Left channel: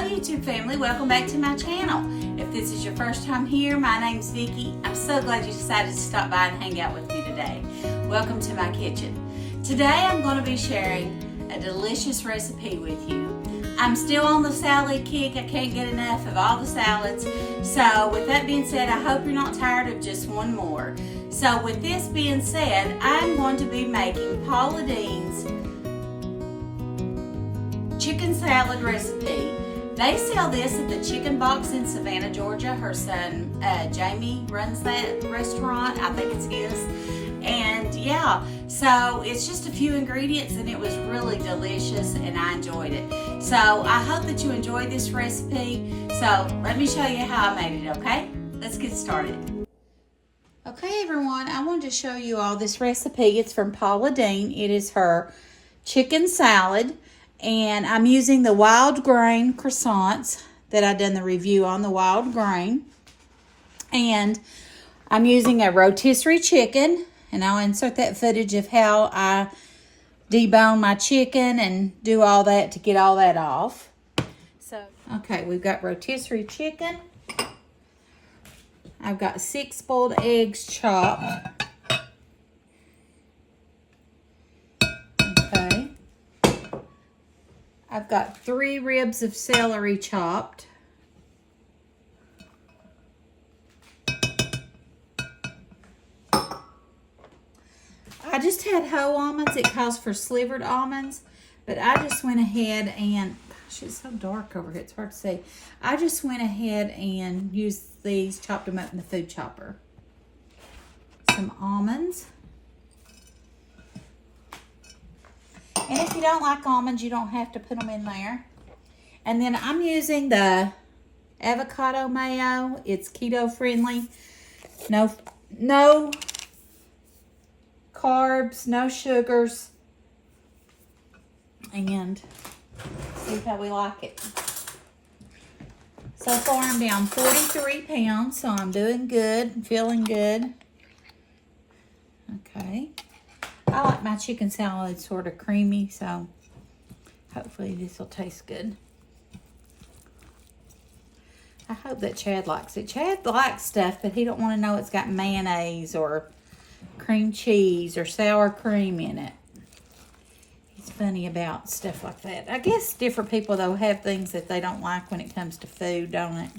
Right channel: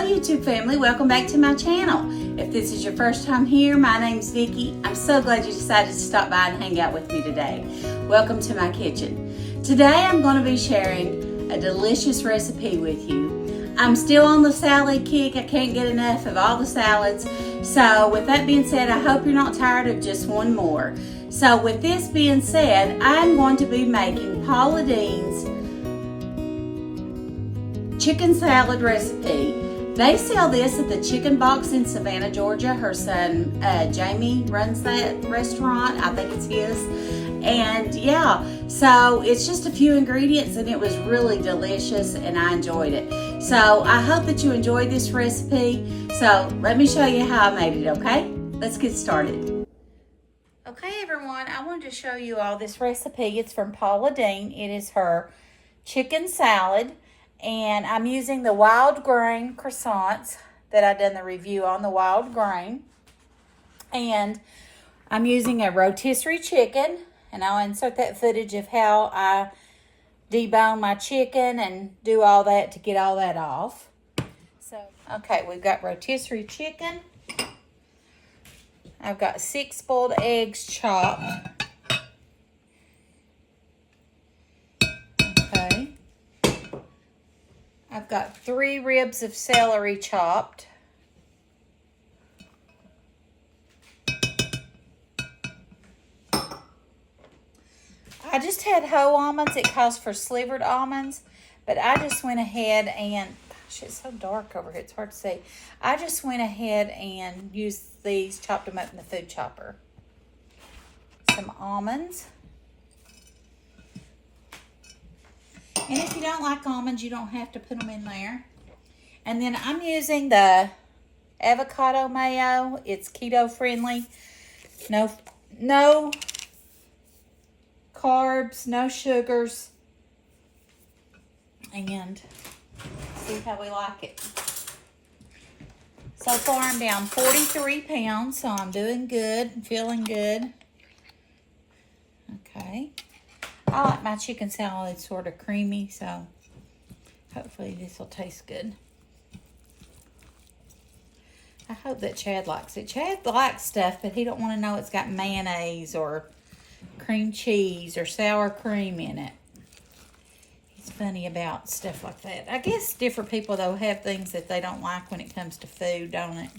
Hello YouTube family, welcome back to my channel. If this is your first time here, my name's Vickie. I'm so glad you decided to stop by and hang out with me today. Welcome to my kitchen. Today I'm going to be sharing a delicious recipe with you. I'm still on the salad kick. I can't get enough of all the salads. So with that being said, I hope you're not tired of just one more. So with this being said, I'm going to be making Paula Deen's chicken salad recipe. They sell this at the Chicken Box in Savannah, Georgia. Her son, Jamie, runs that restaurant. I think it's his. And yeah, so it's just a few ingredients and it was really delicious and I enjoyed it. So I hope that you enjoyed this recipe. So let me show you how I made it, okay? Let's get started. Okay, everyone, I wanted to show you all this recipe. It's from Paula Deen. It is her chicken salad. And I'm using the wild grain croissants that I done the review on, the wild grain. And I'm using a rotisserie chicken. And I'll insert that footage of how I debone my chicken and do all that to get all that off. So, okay, we've got rotisserie chicken. I've got 6 boiled eggs chopped. Okay. I've got 3 ribs of celery chopped. I just had whole almonds. It calls for slivered almonds, but I just went ahead and, gosh, it's so dark over here, it's hard to see. I just went ahead and used these, chopped them up in the food chopper. Some almonds. And if you don't like almonds, you don't have to put them in there. And then I'm using the avocado mayo. It's keto friendly. No carbs, no sugars. And see how we like it. So far I'm down 43 pounds, so I'm doing good, feeling good. Okay. I like my chicken salad sort of creamy, so hopefully this will taste good. I hope that Chad likes it. Chad likes stuff, but he don't want to know it's got mayonnaise or cream cheese or sour cream in it. He's funny about stuff like that. I guess different people, though, have things that they don't like when it comes to food, don't it?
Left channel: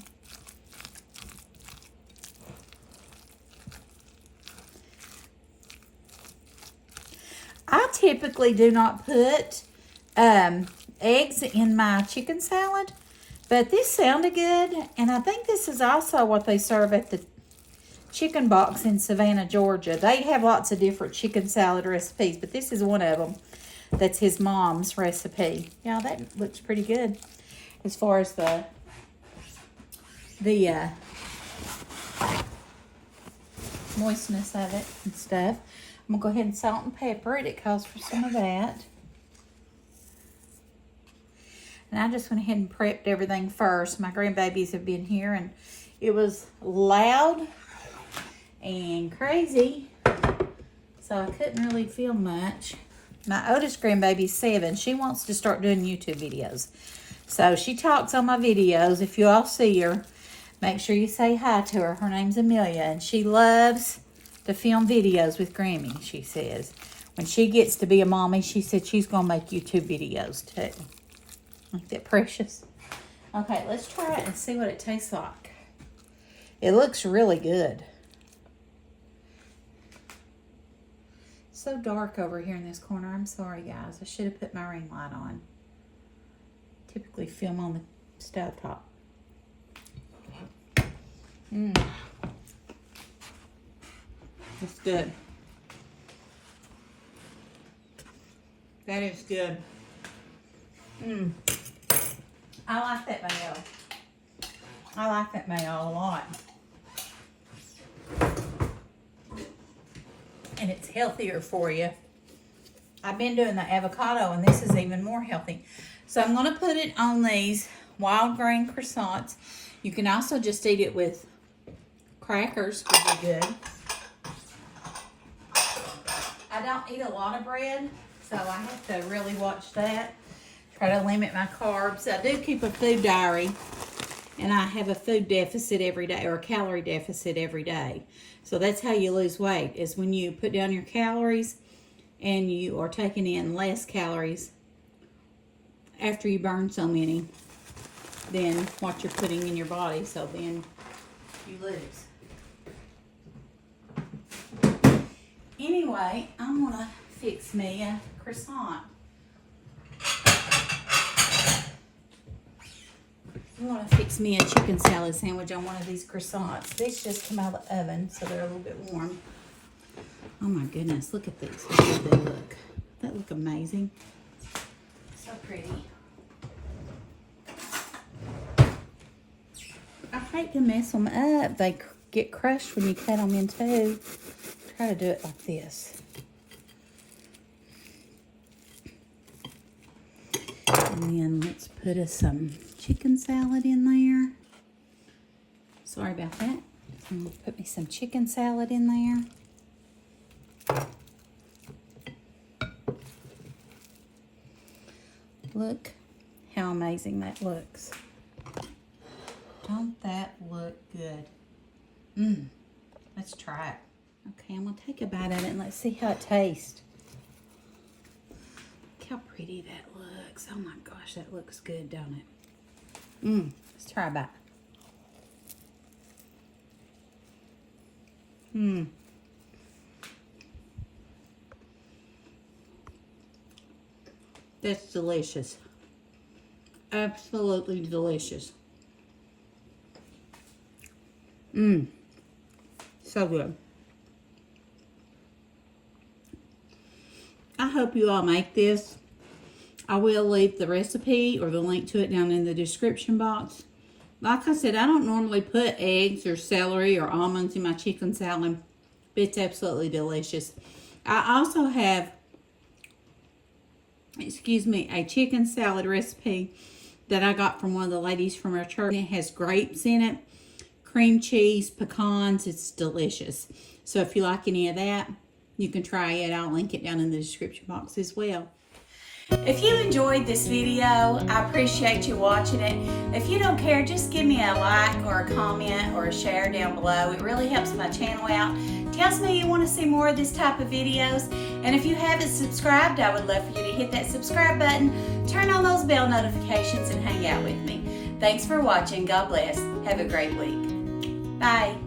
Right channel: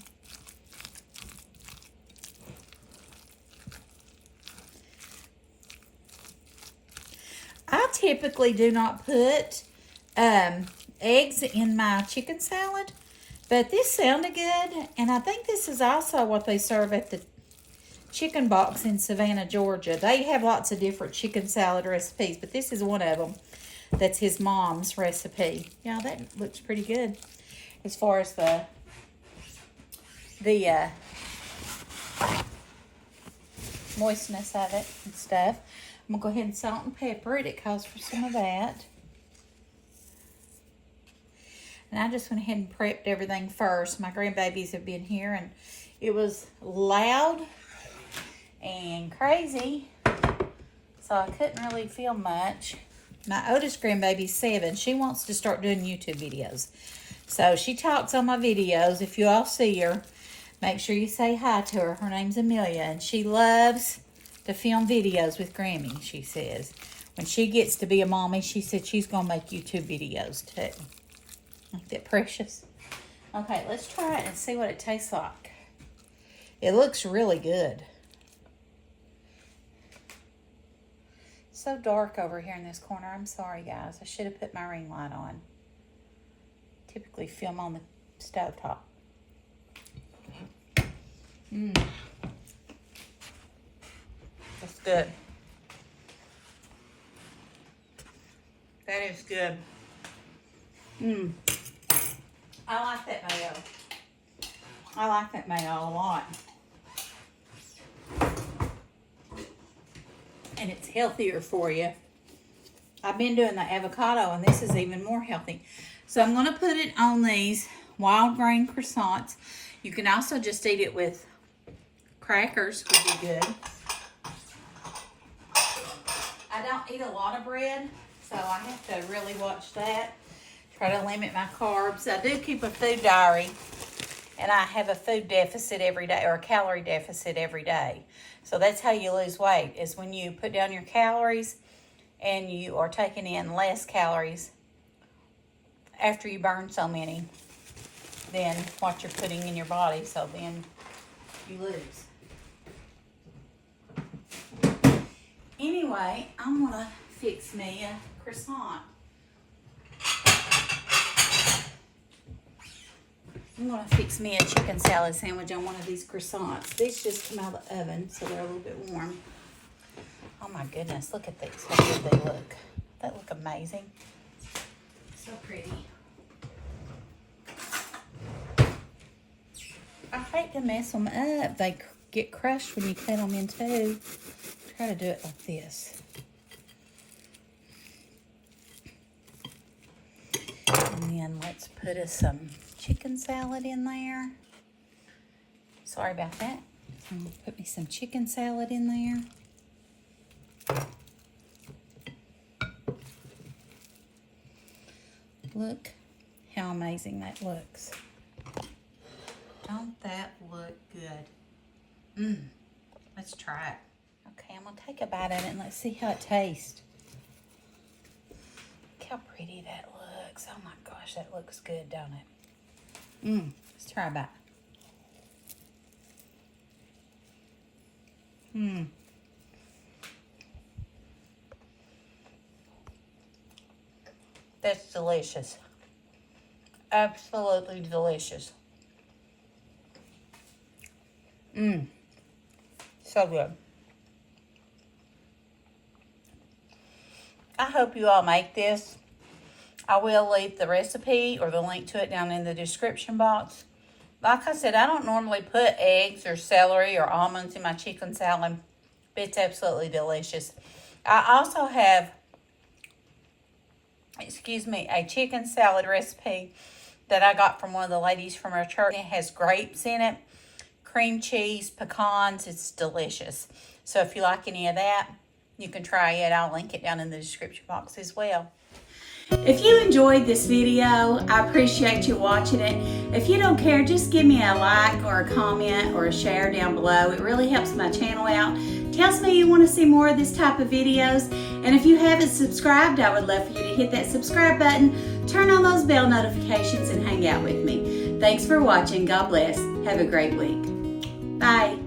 I typically do not put eggs in my chicken salad, but this sounded good, and I think this is also what they serve at the Chicken Box in Savannah, Georgia. They have lots of different chicken salad recipes, but this is one of them. That's his mom's recipe. Yeah, that looks pretty good as far as the moistness of it and stuff. I'm going to go ahead and salt and pepper it. It calls for some of that. And I just went ahead and prepped everything first. My grandbabies have been here, and it was loud and crazy, so I couldn't really film much. My oldest grandbaby's 7. She wants to start doing YouTube videos. So she talks on my videos. If you all see her, make sure you say hi to her. Her name's Amelia, and she loves to film videos with Grammy, she says. When she gets to be a mommy, she said she's going to make YouTube videos too. Ain't that precious? Okay, let's try it and see what it tastes like. It looks really good. So dark over here in this corner. I'm sorry, guys. I should have put my ring light on. Typically film on the stovetop. That's good. That is good. I like that mayo. I like that mayo a lot. And it's healthier for you. I've been doing the avocado, and this is even more healthy. So I'm going to put it on these wild grain croissants. You can also just eat it with crackers, would be good. I don't eat a lot of bread, so I have to really watch that. Try to limit my carbs. I do keep a food diary, and I have a food deficit every day, or a calorie deficit every day. So that's how you lose weight, is when you put down your calories and you are taking in less calories after you burn so many than what you're putting in your body, so then you lose. Anyway, I'm gonna fix me a croissant. I'm gonna fix me a chicken salad sandwich on one of these croissants. These just come out of the oven, so they're a little bit warm. Oh my goodness, look at these. How good they look. That look amazing. So pretty. I hate to mess them up. They get crushed when you cut them in two. Try to do it like this. And then let's put us some chicken salad in there. Sorry about that. Put me some chicken salad in there. Look how amazing that looks. Don't that look good? Let's try it. Okay, I'm gonna take a bite of it and let's see how it tastes. Look how pretty that looks. Oh my gosh, that looks good, don't it? Let's try a bite. That's delicious. Absolutely delicious. So good. I hope you all make this. I will leave the recipe or the link to it down in the description box. Like I said, I don't normally put eggs or celery or almonds in my chicken salad, but it's absolutely delicious. I also have, a chicken salad recipe that I got from one of the ladies from our church. It has grapes in it, cream cheese, pecans. It's delicious. So if you like any of that, you can try it. I'll link it down in the description box as well. If you enjoyed this video, I appreciate you watching it. If you don't care, just give me a like or a comment or a share down below. It really helps my channel out. Tells me you want to see more of this type of videos. And if you haven't subscribed, I would love for you to hit that subscribe button, turn on those bell notifications, and hang out with me. Thanks for watching. God bless. Have a great week. Bye.